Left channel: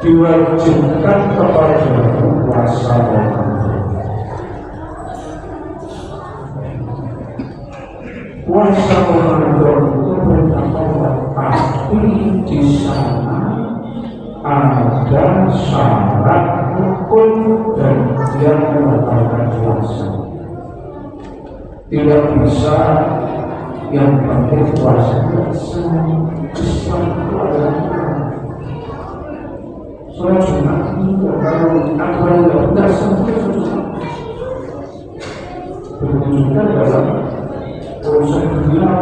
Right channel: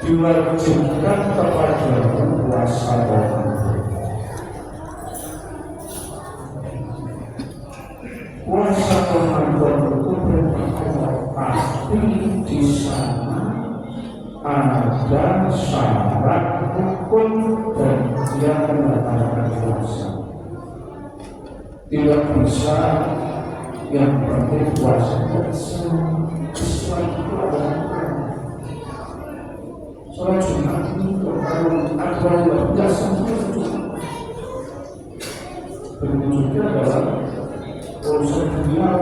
diwajibkan kepada puasa Ramadan itu bertakwa, tapi di sana ada syarat rukun dan dia membatalkan puasa. Tidak bisa yang penting puasanya Islam. Soalnya Jumat itu kalau aturan tidak sampai susah. Berwujudkan dalam urusan dunia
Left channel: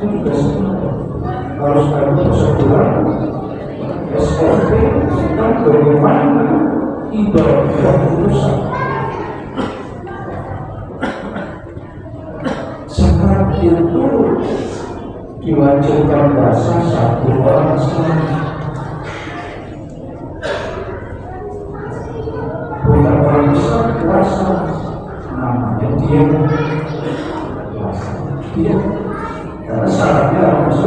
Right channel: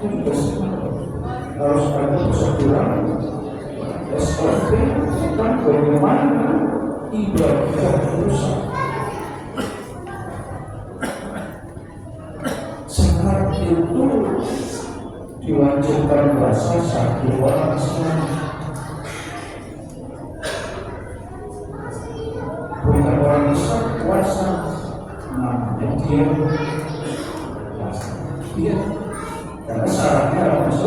itu juga sama. Harus ada prosedur SOP tentang bagaimana ibadah urusan. Zakat itu diwajibkan puasa satu orang sekali. Bukan orang besar puasa, namanya dia puasa. Dia karena syaratnya harus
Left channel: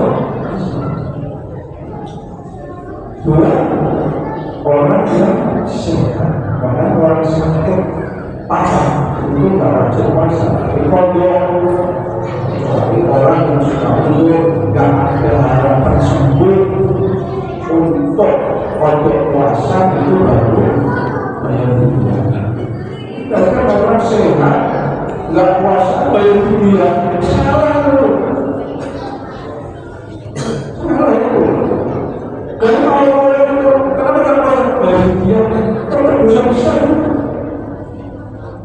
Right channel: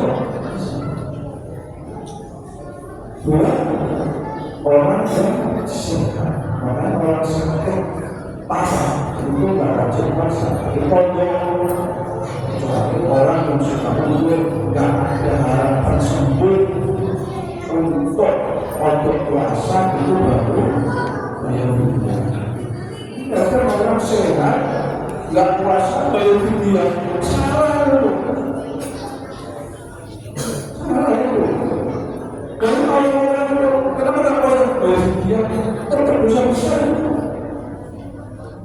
dua orang yang sehat, karena orang sakit parah itu barang rajin puasa di pondok, tapi orang yang suka mundur nggak ada harapan sembuh untuk pondok puasa itu baru bayar dunia. Karena orang sehat nggak puasa bayar dunia, salah itu. Karena orang-orang itu kenapa nggak puasa bayar dunia? Tetap dosa besar.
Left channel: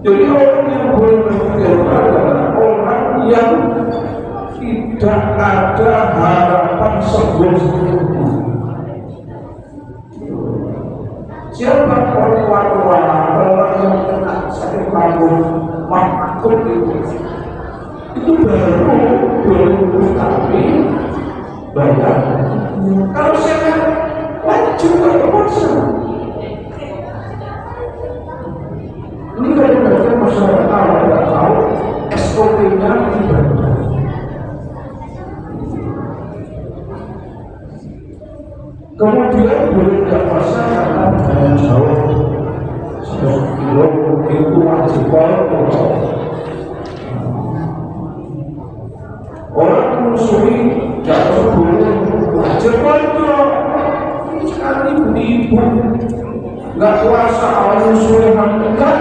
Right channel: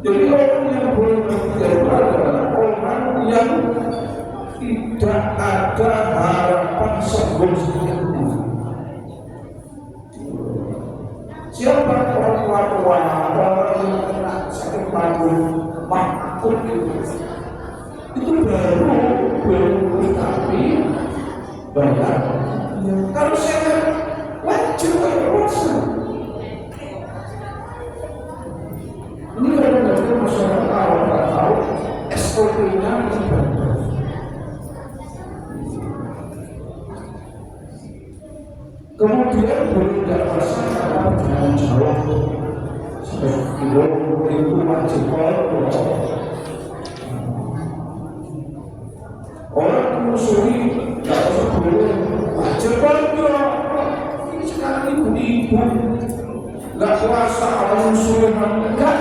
Jadi orang yang boleh berpikir adalah orang yang tidak ada harapan sembuh seluruhnya. Siapa orang tua yang kena sakit makut itu baru kami bayar. Kalau sehat wajib nggak puasa. Ini kadang-kadang masyarakat awam tidak tahu SOP-nya ibadah. Kemudian boleh tidak puasa karena jalan jauh 100 kilo itu wajib puasa. Orang menyusui tidak boleh wajib puasa. Sekarang ibu-ibu nggak puasa awal menyusui enggak.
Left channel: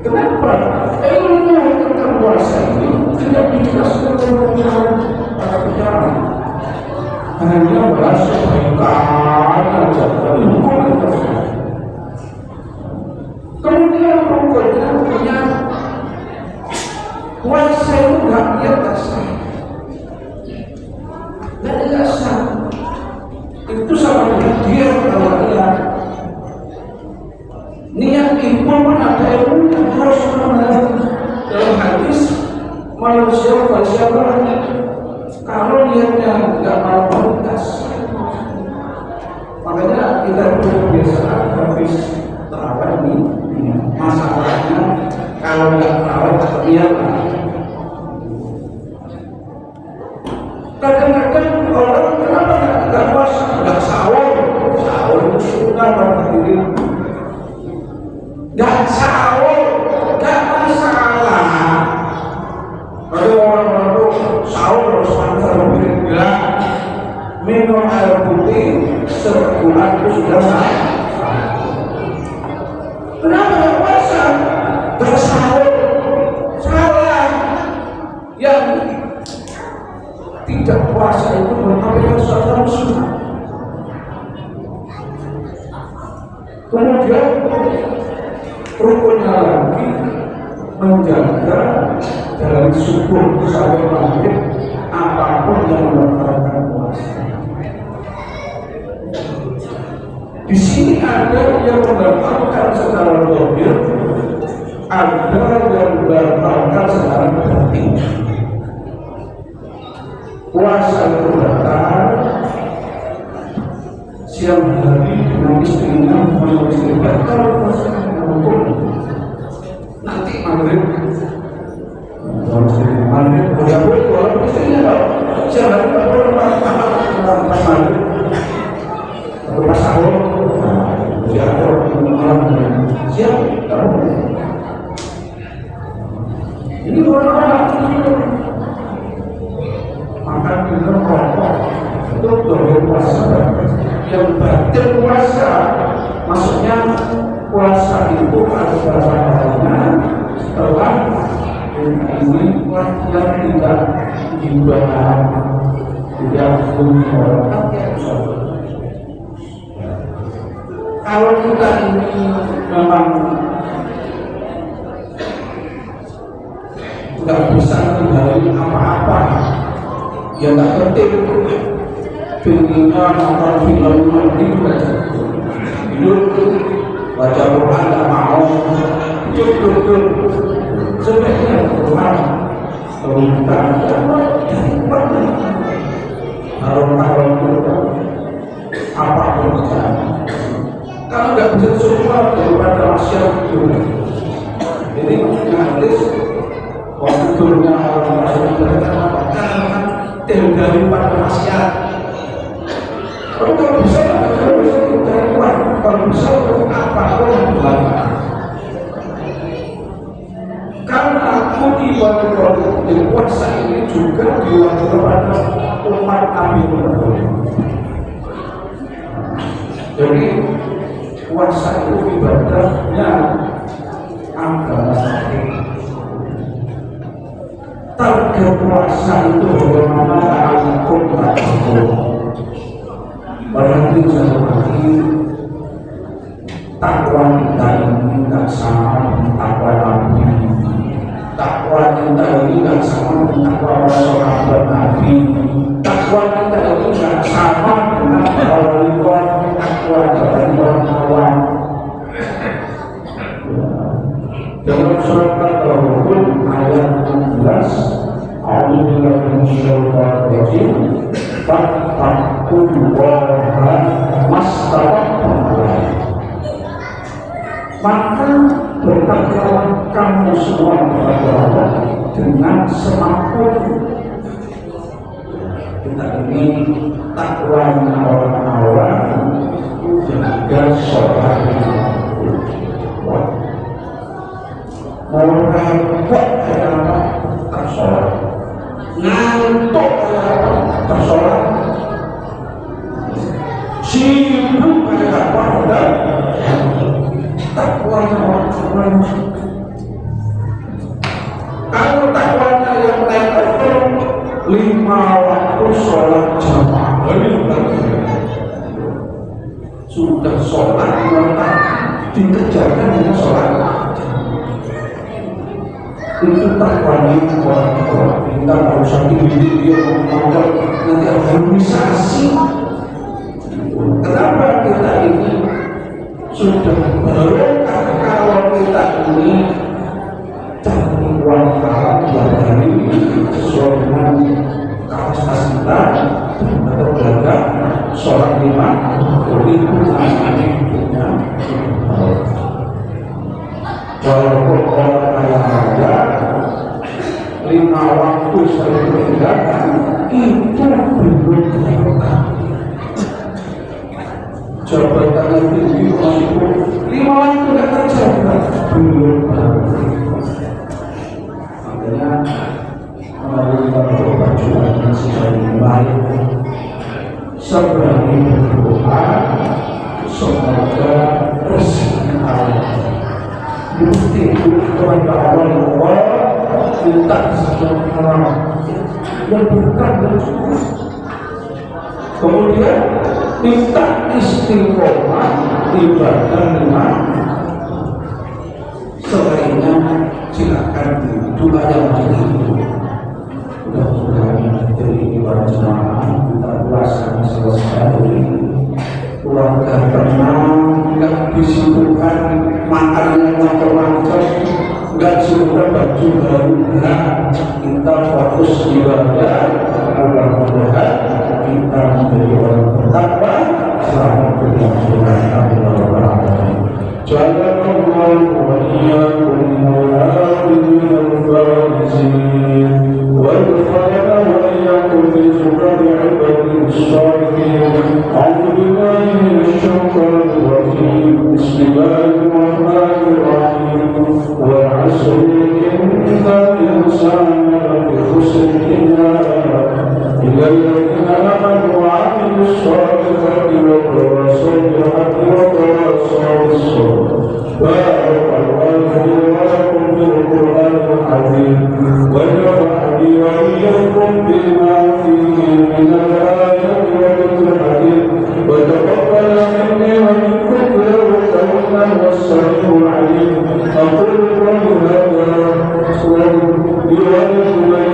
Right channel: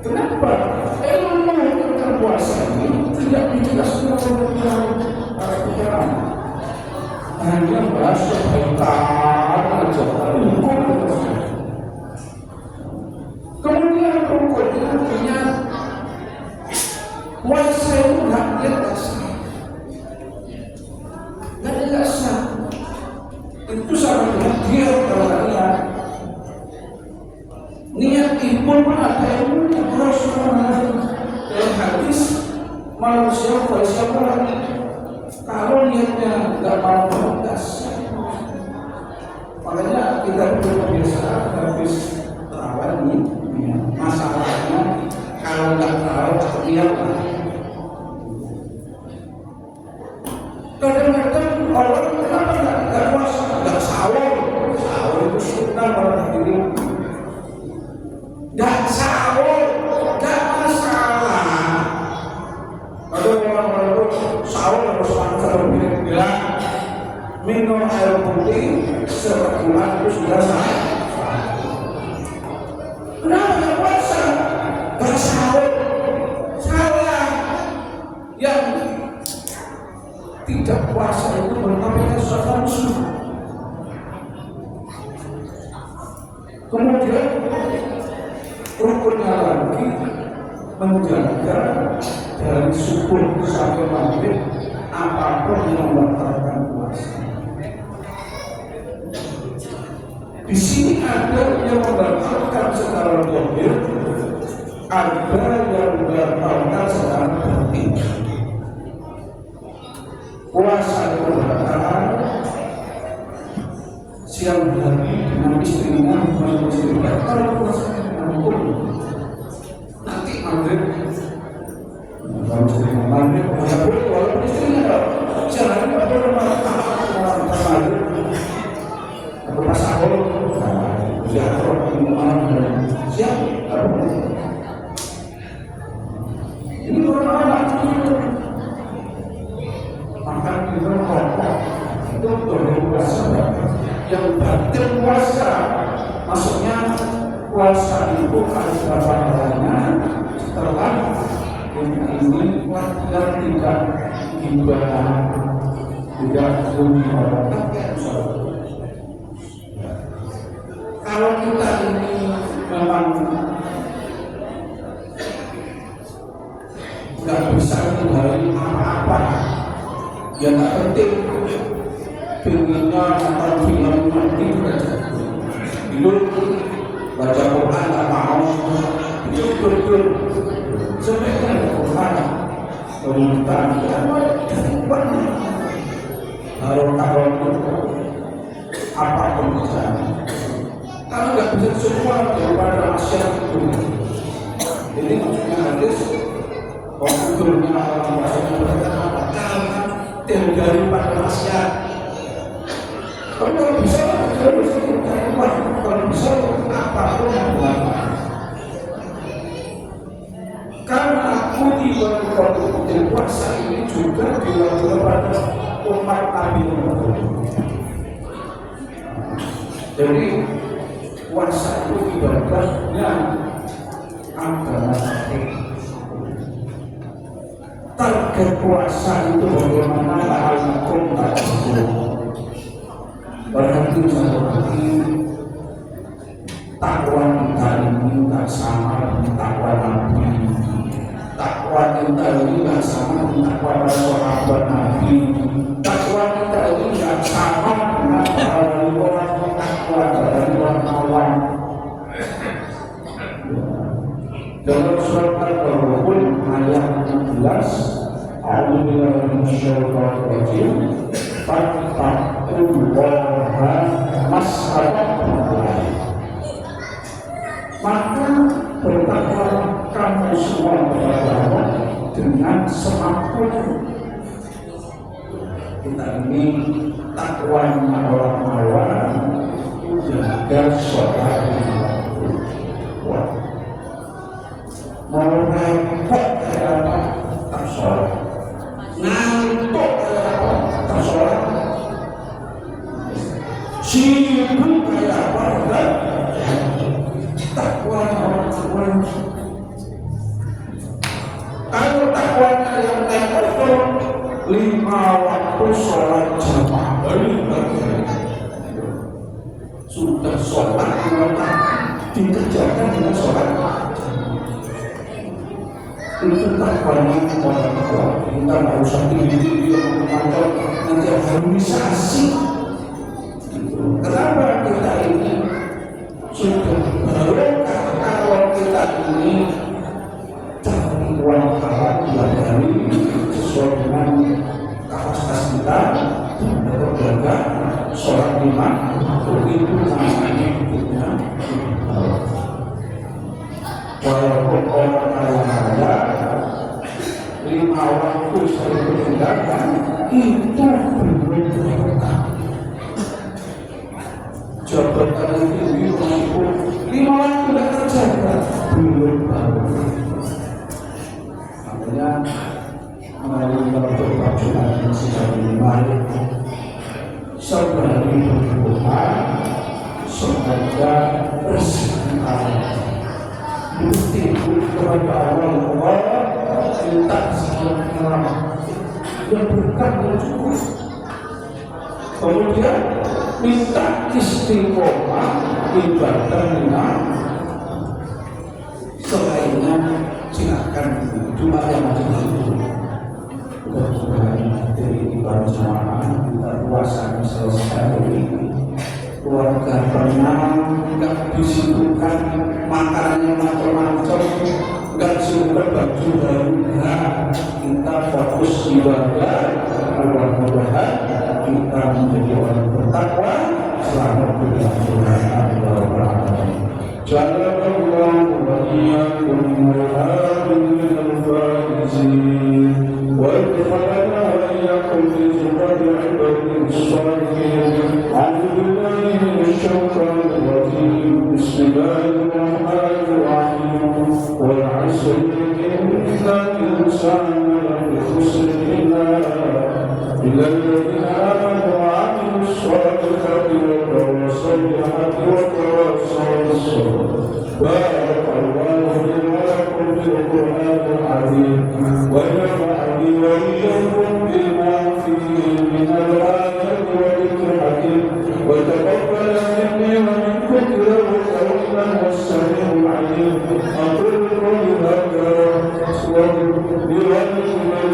Kenapa? Ilmu tentang puasa ini tidak dijelaskan oleh para pengarang. Hanya bahasa kebaikan aja, hukum aja. Kemudian hukumnya artinya puasa itu nggak lihat asal, nggak lihat asal. Itu sama dia niat. Niat itu pun ada ilmu yang harus mengerti. Dalam hadis manusia siapa kalau niatnya nggak mau berkas. Makanya kita berbiasaan habis terawih ini masalahnya kalau nggak terawih niat. Kadang-kadang orang kenapa nggak puasa, nggak sahur sunnah pada diri, nggak sahur, nggak masalah. Kalau orang-orang itu sahur harus makan enggak, minum air putih sebulan itu sudah sah. Kenapa nggak puasa? Nggak sahur, salah. Yang tidak puasa itu merupakan sesuatu sunnah. Kemudian rukunnya lagi menjaga dari subuh sampai maghrib apapun yang membatalkan puasa. Di sini ada yang membatalkan secara zahir, ada yang membatalkan secara batin. Puasa itu batal siang hari dengan istrinya, malam istri batal puasanya hukum. Nanti maghrib, maghrib walaupun istrinya kalau siang hari nggak boleh malam pas maghrib atau pas sahur, ya malam siang nggak boleh. Ini orang-orang makan minum rokok itu boleh puasa. Yang batin puasa, maksudnya puasa itu ada beberapa harinya setelah ini yang tidak dibahan, tidak dibahan. Kalau kita ini memang nggak bisa menghindari apa-apa, ya nggak penting. Pinginnya nonton film itu aja, hidup baca Quran nggak mau, itu betul sebenarnya Quran berita kalau apa pun bisa, kalau nggak bisa semua daripada masyarakat itu, jadi maksudnya hadis waktunya orang masyarakat karena daripada masyarakat. Tapi kalau bisa kita kuat, kalau bisa apapun dilakukan. Karena aku di puasa ini juga dilakukan pada umat Nabi Muhammad. Jadi puasa itu ibadahnya agama. Target puasa itu bagaimana akum takut. Berarti seperti takwa kita ini tak sama dengan takwa Nabi. Takwa kita ini tak sama dengan takwa para sahabat Nabi. Takwa kita ini tak sama dengan takwa dari orang-orang. Dalam surat Al-Baqarah ayat 16, A'udzubillahi minasyaitonir rajim. Fattaqullaha mastata'tum. Maka bertakwalah kamu semua kepada Allah dengan semampu. Kita ini takwanya orang-orang juga sholat. Mau repot kenapa tak sholat, ngantuk kenapa tak sholat, sibuk kenapa dan takwanya orang-orang. Kalau takwanya yang lain itu 5 waktu sholat jamaah, sudah sholat maka dikerjakan dengan sholat. Itu takwanya orang-orang. Kita nggak usah diri dia ngomong nanti harmonisasi. Kenapa kita ini sudah berkah kalau kita ini cari uang haram dari sesuai dengan kapasitas kita atau jaga sholat 5 itu namanya walaupun orang kaya raya 5 waktu sering meninggalkan itu belum berkah. Jabatannya tinggi masih 5 waktu tidak kerja belum berkah. Makanya melalui perjuangan yang baik seberani berdoa semoga rezeki Allah bukti kepada Allah minta sejahtera yang berkah dan cukup. Kemudian minta istiqomah ibadah lima. Selainnya silakan doa yang itu. Mudah-mudahan dari ibadah jamaah kita puasa selesai, keluarga tenang, nggak disibukkan makannya macam-macam, nggak disibukkan baju baru. Nah, kita fokus ibadah. Mudah-mudahan kita menjadi orang bertakwa selama berjamaah. Jazakallahu wa iyyakum al-'abidin al-faizin wa nafa'ana wa iyyakum bi zurrati 'ibadihi as-salihin. A'udzu billahi minasy syaithanir rajim. Bismillahirrahmanirrahim. Wal 'asri innal insana lafi khusr illa alladhina amanu wa 'amilus shalihati wa tawasaw bil haqqi wa tawasaw bis sabr. Barakallahu li wa lakum bil Qur'anil 'azim wa nafa'ani wa iyyakum bima fihi minal ayati wa dhikril hakim wa taqabbal minni wa minkum innahu was-sami'ul 'alim. Aqulu qawli hadha wa li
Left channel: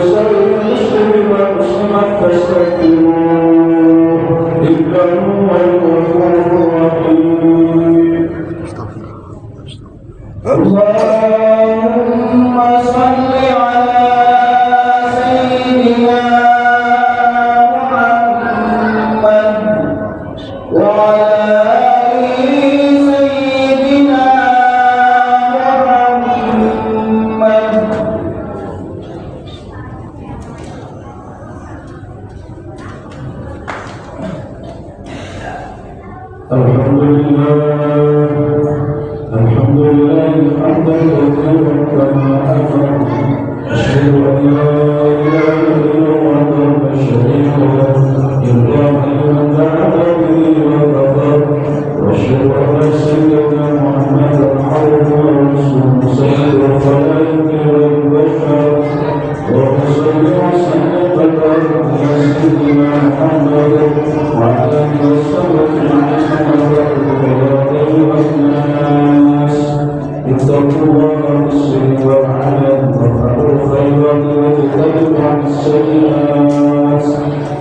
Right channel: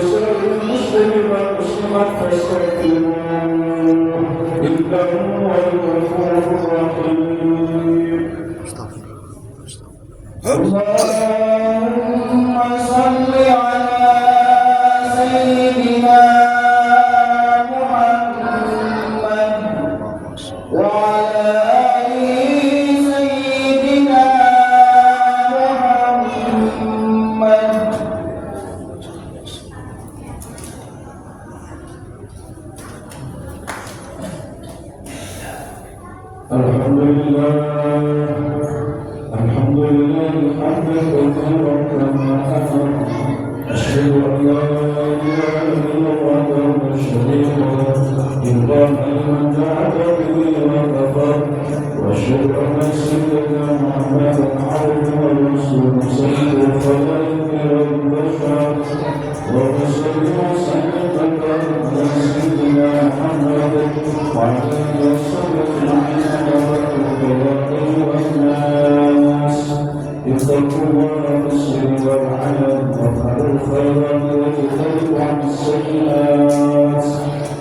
sa'iril muslimin wal muslimat fastaghfiruhu innahu huwal ghafurur rahim. Allahumma salli ala sayyidina Muhammad wa ala ali sayyidina Muhammad. الحمد لله الحمد لله حمدا كثيرا كما أمر أشهد أن لا إله إلا الله وحده لا شريك له إبراهيم بعبده وكفر وأشهد أن سيدنا محمدا عبده ورسوله سيد الخلائق والبشر وصل وسلم على سيدنا محمد وعلى آله وصحبه الناس اتقوا الله بالسر والعلن وافعلوا الخيرات واجتنبوا عن السيئات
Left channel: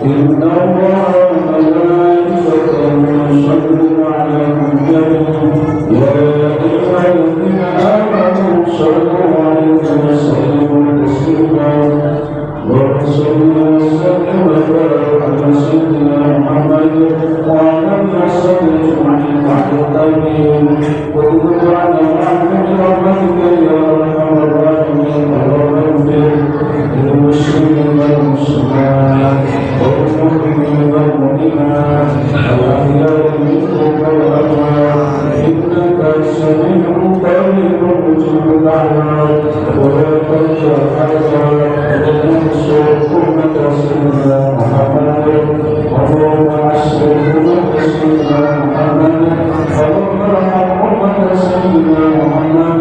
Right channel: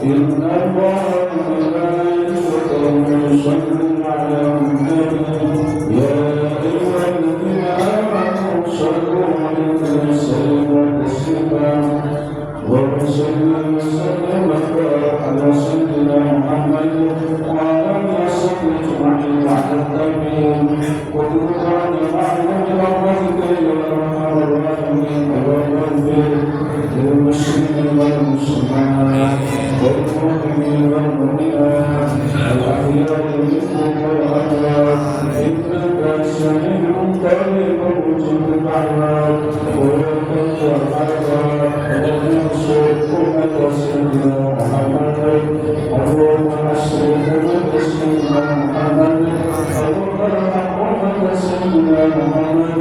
إن الله وملائكته يصلون على النبي يا أيها الذين آمنوا صلوا عليه وسلموا تسليما وصلى وسلم وبارك على سيدنا محمد وعلى آله وصحبه أجمعين على التابعين وكل على رحمة رحمتك يا أرحم الراحمين اللهم اغفر للمسلمين والمسلمات والمؤمنين والمؤمنات الأحياء منهم والأموات إنك سميع قريب مجيب الدعوات ولا تنسى الحيوان وانصر أمة سيدنا محمد اللهم عسر أمة سيدنا محمد اللهم ارحم أمة سيدنا محمد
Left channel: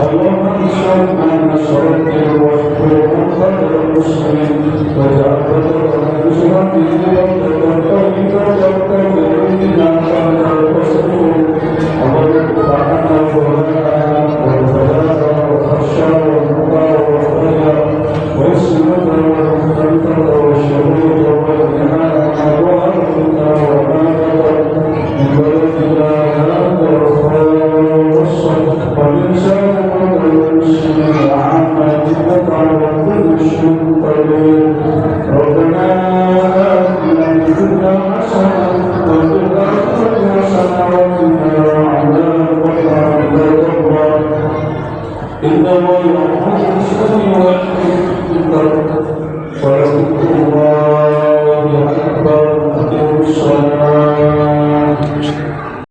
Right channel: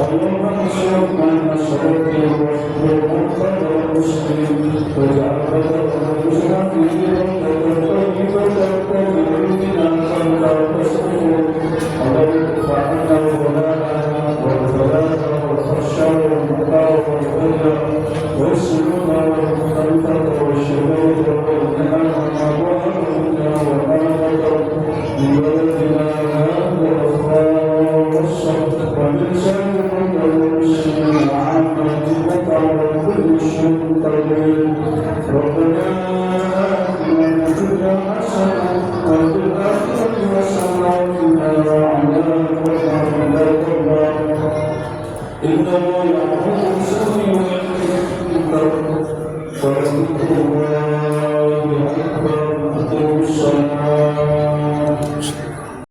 اللهم انصر من نصر الدين واحفظهم خير المسلمين واجعل بلدنا بسرعته بلدة طيبة تجري بنا خير الرسول اللهم ادفع عنا الظلام والبلاء والخشى والمكر والخير والسلوك والخلفة والشهود والإيمان وأهلنا وأهلنا من بلدنا هذا الخاص ومن سائر المسلمين وعامة إنك على كل شيء قدير ربنا آتنا في الدنيا حسنة وفي الآخرة حسنة وقنا عذاب النار إن الله